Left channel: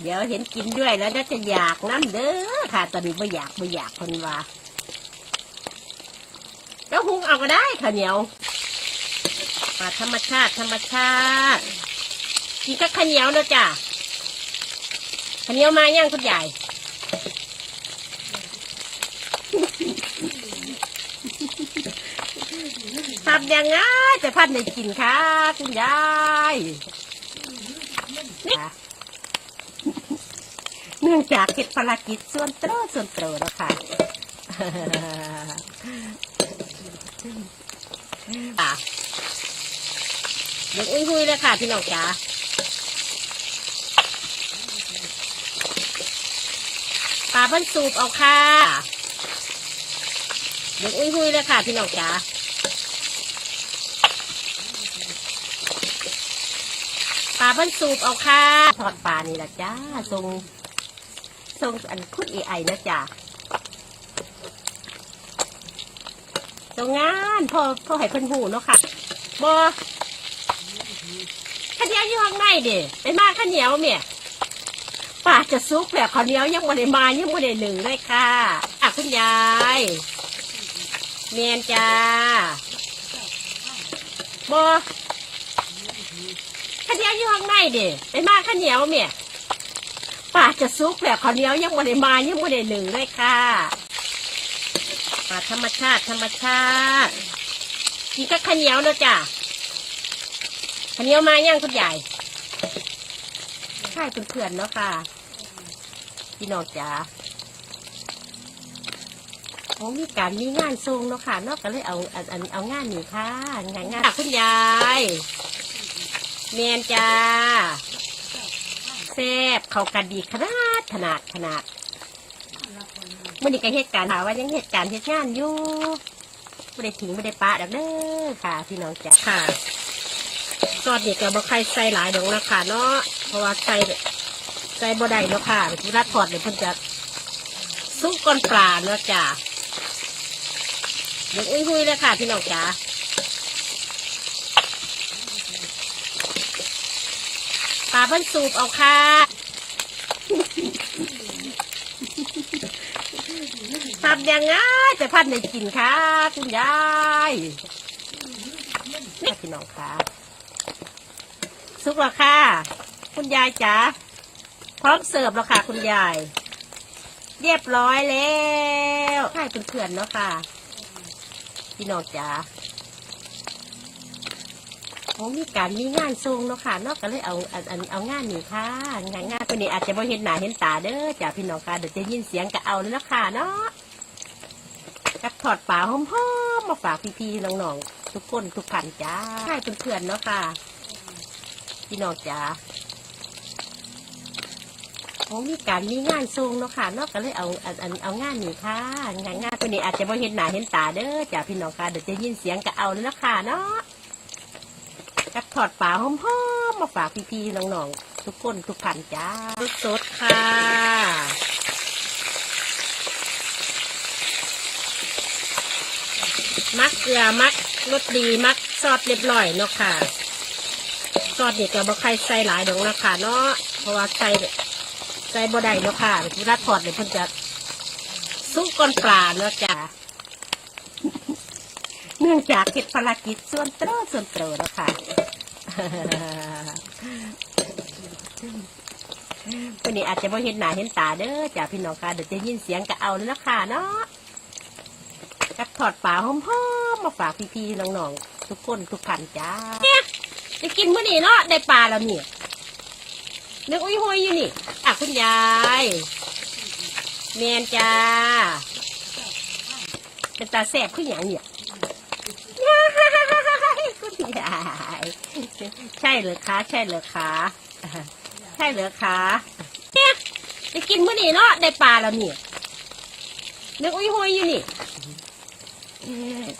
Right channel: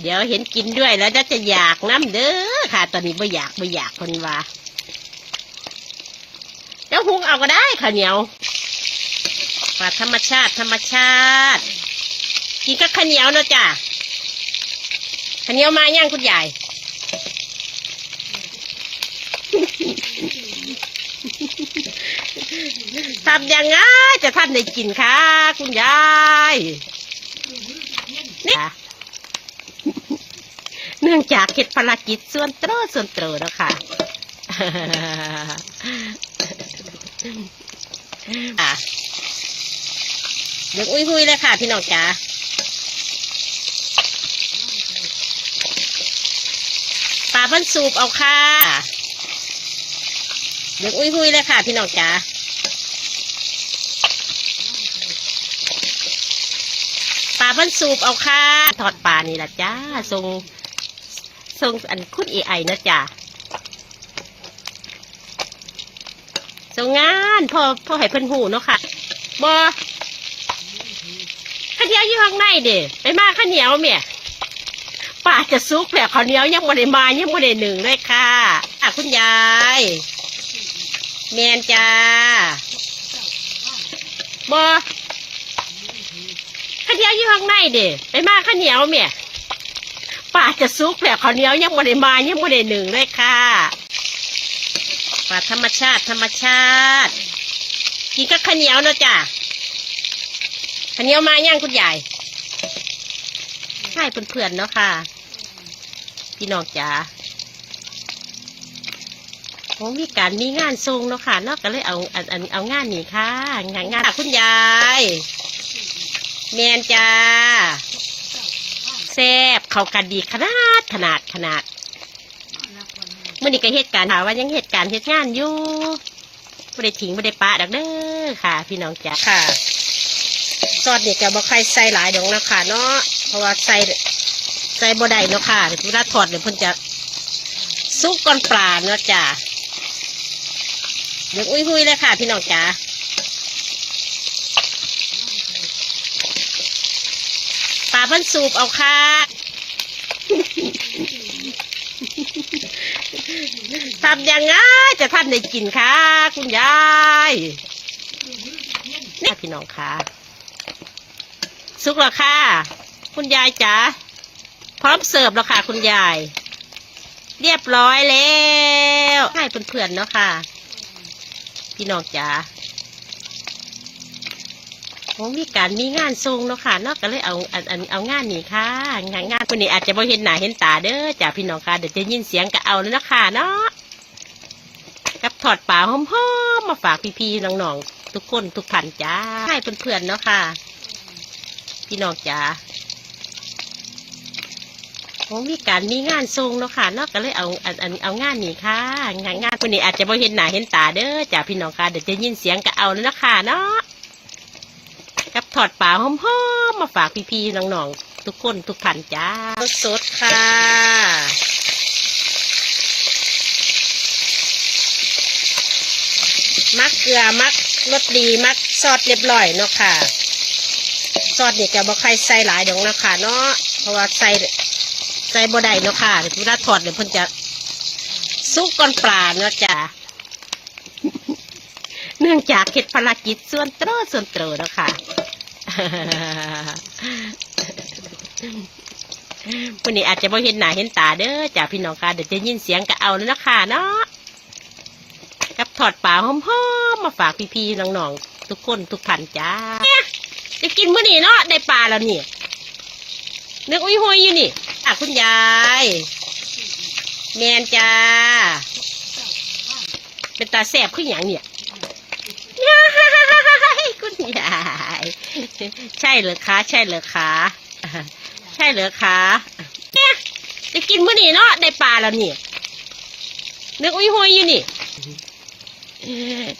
เดี๋ยวเห็นกินด้วยแล้วน่าจะอยากน้ำเด้อค่ะ ตอนนี้ไม่อยากไม่อยากคนว่าแล้วหุงเอาก็ได้ค่ะเหนียวปลาธรรมชาติธรรมชาติ กินกับข้าวเหนียวเนาะจ้ะข้าวเหนียวมาย่างคุณยายทำยังไงจะทำได้กินคะคุณยายนี่ นื่องจากเหตุภารกิจส่วนเตรอส่วนเตรอแล้วค่ะอะเดี๋ยวอุ้ยหุยเลยค่ะ พี่น้องจ๋าปลาเพิ่นสูบเอาค่ะเดี๋ยวอุ้ยหุยเลยค่ะ พี่น้องจ๋าปลาเพิ่นสูบเอาค่ะ ทอดปลานี่แหละจ้าทรง ทรงอันคุณเอไอนะจ้าทรงงานพอพอให้เพิ่นหูเนาะค่ะบอข้าวเหนียวอยู่ข้างในเด้ไปมาข้าวเหนียวเมียปลาจะซุกแผลข้าวเหนียวยังบ่ได้มายังบ่ได้หนึ่งเลยค่ะอะคุณยายเมียนจ้าบอข้าวเหนียวอยู่ข้างในเด้ไปมาข้าวเหนียวเมีย ป้าจะซุกแผลข้าวเหนียวยังบ่ได้มายังบ่ได้หนึ่งเลยค่ะปลาธรรมชาติธรรมชาติกินกับข้าวเหนียวเนาะจ้ะข้าวเหนียวมาย่างคุณยายใช่เพื่อนๆเนาะค่ะพี่น้องจ๋าโอ้มีการมีงานทรงเนาะค่ะเนาะก็เลยเอาอันอันเอางานนี่ค่ะ งานงานคุณยายเมียนจ้าแซ่บ เข้ากันดีขนาดขนาดขนาดเมื่อนี้ก็เหตุการณ์หาว่ายังเหตุการณ์เหตุงานอยู่ไม่ได้ทิ้งไม่ได้ปะดักเด้อค่ะ พี่น้องจ้าค่ะซอสเนี่ยจะบอกใครใส่หลายดอกนะคะเนาะเพราะว่าใส่ใส่บ่ได้เนาะค่ะเวลาทอดเดี๋ยวเพิ่นจะซุกก้อนปลาเนาะจ้าเดี๋ยวอุ้ยหุยเลยค่ะ พี่น้องจ้าปลาเพิ่นสูบเอาค่ะ ทำยังไงจะทำได้กินค่ะคุณยายนี่พี่น้องค่ะสุกแล้วค่ะ คุณยายจ๋าพร้อมเสิร์ฟแล้วค่ะ คุณยาย เรียบร้อยแล้วให้เพื่อนๆเนาะค่ะ พี่น้องจ๋า โอ้มีการมีงานทรงเนาะค่ะเนาะก็เลยเอาอันอันเอางานนี่ค่ะ งานงานคนนี้อาจจะบ่เห็นหน้าเห็นตาเด้อจ้าพี่น้องค่ะเดี๋ยวจะยินเสียงก็เอาเลยนาะค่ะเนาะกับถอดป่าหอมๆมาฝากพี่ๆน้องๆทุกคนทุกพันจ้าให้เพื่อนๆเนาะค่ะ พี่น้องจ้าโอ้มีการมีงานทรงเนาะค่ะเนาะก็เลยเอาอันอันเอางานนี่ค่ะ งานงานคนนี้อาจจะบ่เห็นหน้าเห็นตาเด้อจ้าพี่น้องค่ะเดี๋ยวจะยินเสียงก็เอาเลยนาะค่ะเนาะ ถอดปลาหอมๆมาฝากพี่ๆน้องๆทุกคนทุกพันจ้าสดค่ะ มักเกลือมักรสดีมักซอสเรียบร้อยเนาะค่ะซอสนี่จะบ่ใครใส่หลายดอกนะคะเนาะเพราะว่าใส่ใส่บ่ได้เนาะค่ะเวลาทอดเดี๋ยวเพิ่นจะซุกก้อนปลาเนาะจ้าเนื่องจากเหตุภารกิจส่วนเตรอส่วนเตรอแล้วค่ะ วันนี้อาจจะบ่เห็นหน้าเห็นตาเด้อจ้าพี่น้องค่ะเดี๋ยวจะยินเสียงก็เอาแล้วนะคะเนาะกับถอดปลาหอมๆมาฝากพี่ๆน้องๆทุกคนทุกพันจ้าจะกินมื้อนี้เนาะได้ปลาแล้วนี่นึกอุ้ยหอยอยู่นี่อะคุณยายแมนจ้า เป็นตาแสบขึ้นอย่างเนี่ย คุณยาย ใช่เหรอคะใช่เหรอคะใช่เหรอคะเนี่ยจะกินมื้อนี้เนาะได้ปลาแล้วเนี่ยนึกอุ้ยหอยอยู่นี่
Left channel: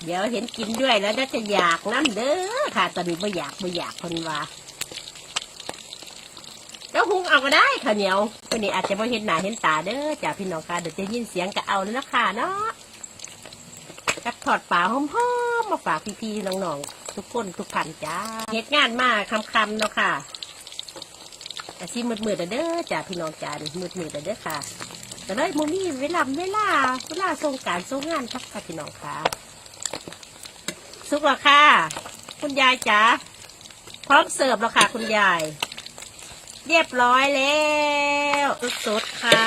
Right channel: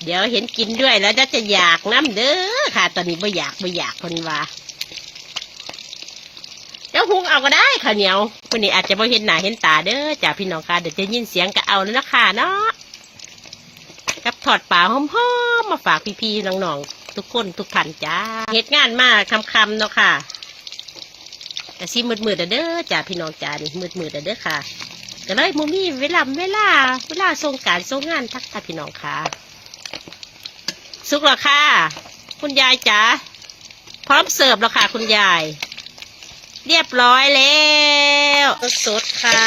เดี๋ยวเห็นกินด้วยแล้วน่าจะอยากน้ำเด้อค่ะ ตอนนี้ไม่อยากไม่อยากคนว่าแล้วหุงเอาก็ได้ค่ะเหนียววันนี้อาจจะไม่เห็นหน้าเห็นตาเด้อจ้าพี่น้องค่ะเดี๋ยวจะยินเสียงก็เอาแล้วนะคะเนาะกับถอดปลาหอมๆมาฝากพี่ๆน้องๆ ทุกคนทุกพันจ้าเหตุงานมากคำๆเนาะค่ะแต่ซีมืดมืดๆเด้อจ้าพี่น้องจ้ามืดมืดๆเด้อค่ะแต่เลยมูมี่เวลาเวลาเวลาทรงการทรงงานทักค่ะพี่น้องค่ะ สุกแล้วค่ะ คุณยายจ๋าพร้อมเสิร์ฟแล้วค่ะ คุณยาย เรียบร้อยแล้วสดค่ะ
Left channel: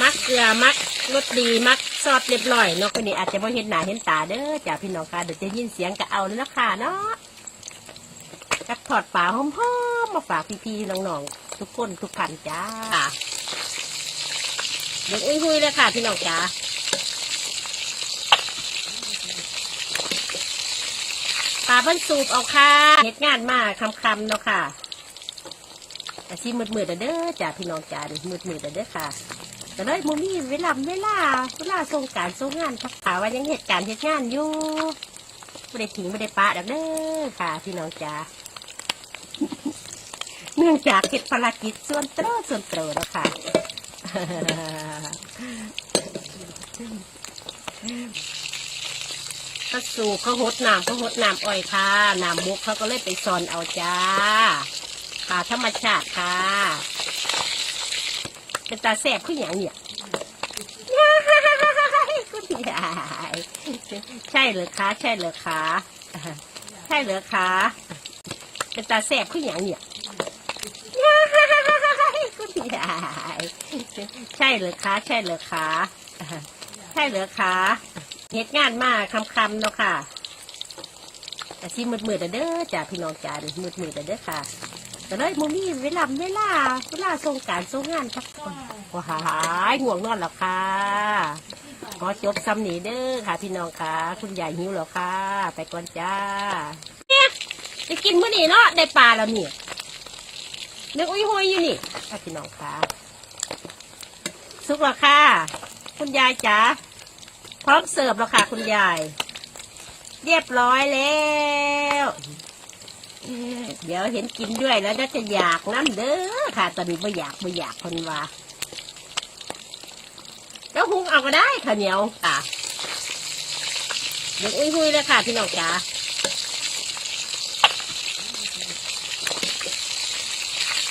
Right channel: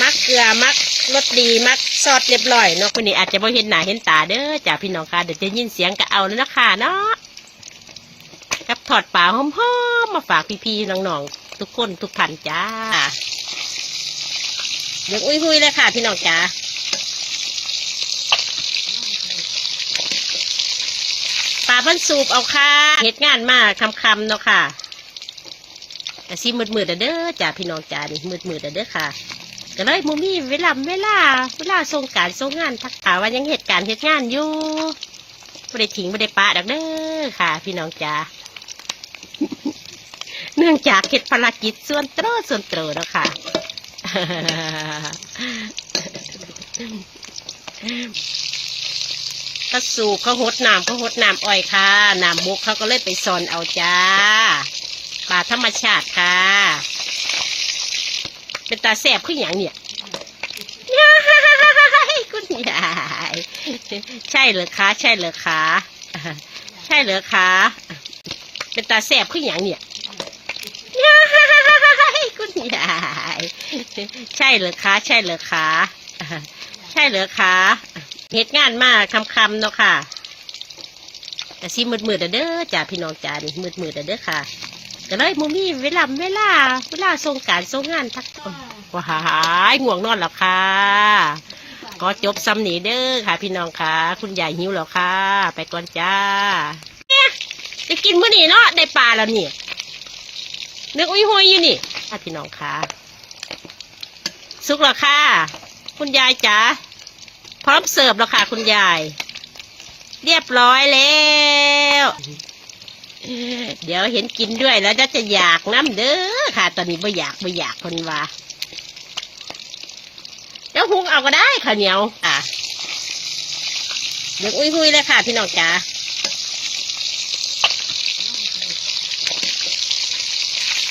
มักเกลือมัก รสดีมักซอสเรียบร้อยเนาะคนนี้อาจจะไม่เห็นหน้าเห็นตาเด้อจ้าพี่น้องค่ะเดี๋ยวจะยินเสียงก็เอาแล้วนะคะเนาะกับถอดปลาหอมๆมาฝากพี่ๆน้องๆทุกคนทุกพันจ้าเดี๋ยวอุ้ยหุยเลยค่ะพี่น้องจ้าปลาเพิ่นสูบเอาค่ะเหตุงานมากคำๆเนาะค่ะแต่ซีมืดๆเด้อจ้าพี่น้องจ้ามืดๆเด้อค่ะ ก็เลยมูมี่เวลาเวลาเวลาส่งการส่งงานทักหาว่ายังเหตุการณ์เหตุงานอยู่ไม่ได้ทิ้งไม่ได้ปะดักเด้อค่ะ พี่น้องจ๋าเนื่องจากเหตุภารกิจส่วนตรส่วนตรแล้วค่ะก็สูบเขาหดน้ำเขาหดน้ำอ้อยค่ะน้ำบกเขาก็เลยไปซอนเอาจ้าป่าธรรมชาติค่ะ เป็นตาแสบขึ้นอหย่างเนี่ยคุณยายใช่เหรอคะใช่เหรอคะใช่เหรอคะเป็นตาแสบขึ้นอหย่างเนี่ยคุณยายใช่เหรอคะใช่เหรอคะใช่เหรอคะเหตุงานมากคำๆเนาะค่ะแต่ซีมืดๆเด้อจ้าพี่น้องจ้ามืดๆเด้อค่ะ แต่เลยมูมี่เวลาเวลาเวลาส่งการส่งงานทักว้ายง่วงนอนแล้วค่ะก็จบซ้ำหนีเด้อค่ะ พี่น้องค่ะ คุณยายหิวแล้วค่ะ ไปก่อนจ้าเนี่ยจะกินมื้อนี้เนาะได้ปลาแล้วนี่นึกอุ้ยหอยอยู่นี่ค่ะพี่น้องค่ะ สุกแล้วค่ะ คุณยายจ๋าพร้อมเสิร์ฟแล้วค่ะ คุณยาย เรียบร้อยแล้ว เดี๋ยวเห็นกินด้วยแล้วจะอยากน้ำเด้อค่ะ ตอนนี้ไม่อยากไม่อยากคนว่าแล้วหุงเอาก็ได้ข้าวเหนียวอะเดี๋ยวอุ้ยหุยเลยค่ะพี่น้องจ๋า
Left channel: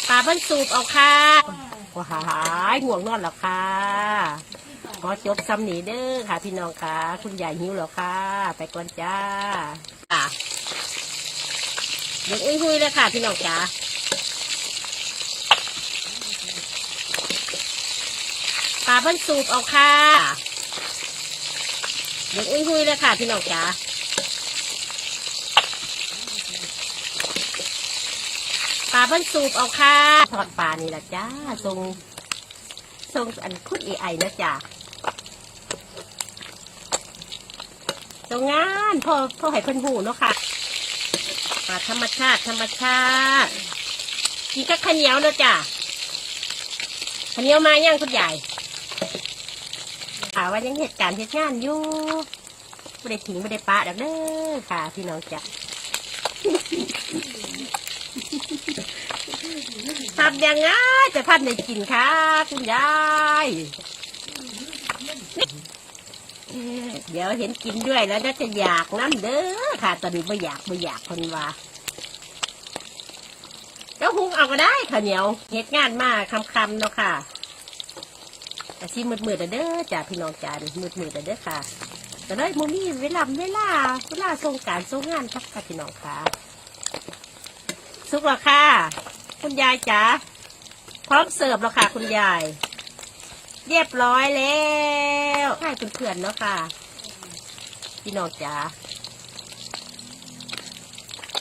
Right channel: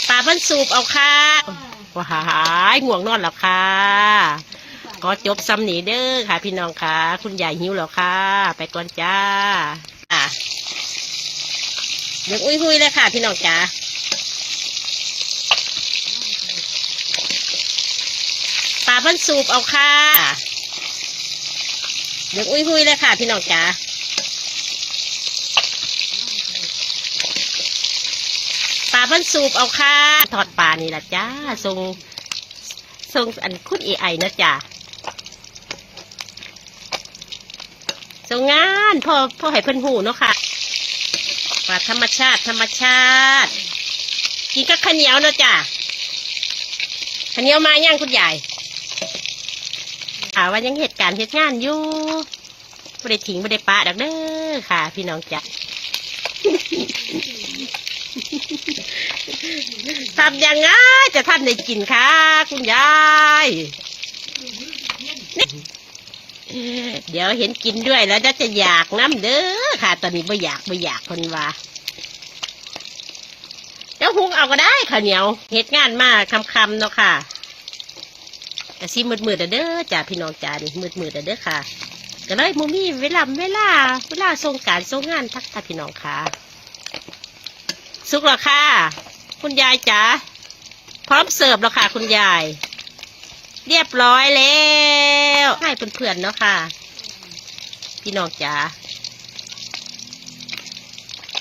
ปลาเพิ่นสูบเอาค่ะว้าหายง่วงนอนแล้วค่ะก็จบซ้ำหนีเด้อค่ะ พี่น้องค่ะ คุณยายหิวแล้วค่ะ ไปก่อนจ้า อะเดี๋ยวอุ้ยหุยเลยค่ะพี่น้องจ๋าปลาเพิ่นสูบเอาค่ะเดี๋ยวอุ้ยหุยเลยค่ะพี่น้องจ๋าปลาเพิ่นสูบเอาค่ะทอดปลานี่ละจ้าทรงทรงอันคุณเอไอนะจ้าทรงงานพอพอให้เพิ่นหูเนาะค่ะ ปลาธรรมชาติธรรมชาติ กินกับข้าวเหนียวนะจ้ะข้าวเหนียวมาย่างคุณยายถามว่ายังเหตุการณ์เหตุงานอยู่ไม่ได้ทิ้งไม่ได้ปะดักเด้อค่ะ พี่น้องจ้ะทำยังไงจะทำในกินค่ะ คุณยาย เดี๋ยวเห็นกินด้วยแล้วจะอยากน้ำเด้อค่ะ ตอนนี้ไม่อยากไม่อยากคนว่าแล้วหุงเอาก็ได้ข้าวเหนียวเหตุงานมากคำๆเนาะค่ะแต่ซีมืดๆเด้อจ้าพี่น้องจ้ามืดๆเด้อค่ะแต่เลยมูมี่เวลาเวลาเวลาส่งการส่งงานทักค่ะพี่น้องค่ะ สุกแล้วค่ะ คุณยายจ๋าพร้อมเสิร์ฟแล้วค่ะ คุณยาย เรียบร้อยแล้ว ให้เพื่อนๆเนาะค่ะ พี่น้องจ๋า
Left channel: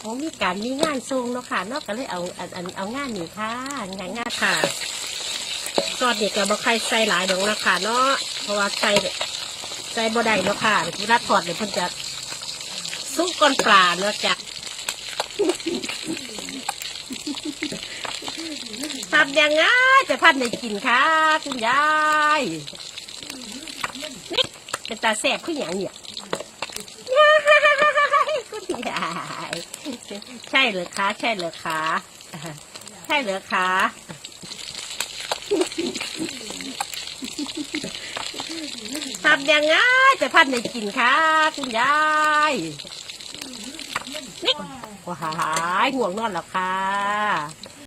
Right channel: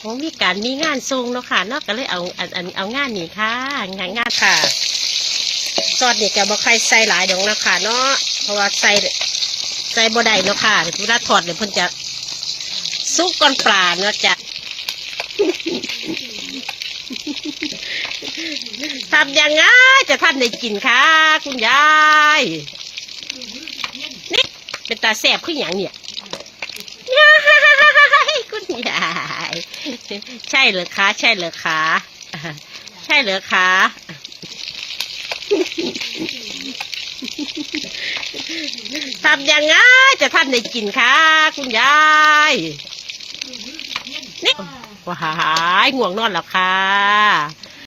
ผมมีการมีงานทรงเนาะค่ะเนอกก็เลยเอาอันอันเอางานนี้ค่ะ งานงานค่ะซอสนี่ก็บ่ใครใส่หลายดอกนะค่ะเนาะเพราะว่าใส่ใส่บ่ได้เนาะค่ะเวลาทอดเนี่ยเพิ่นจะซุกก้อนปลาเนาะจ้ะทำยังไงจะทำในกินค่ะ คุณยาย เป็นตาแสบขึ้นอหย่างเนี่ยคุณยายใช่เหรอคะ ใช่เหรอคะใช่เหรอคะทำยังไงจะทำในกินค่ะคุณยายนี่ว้ายห่วงนอนแล้วค่ะ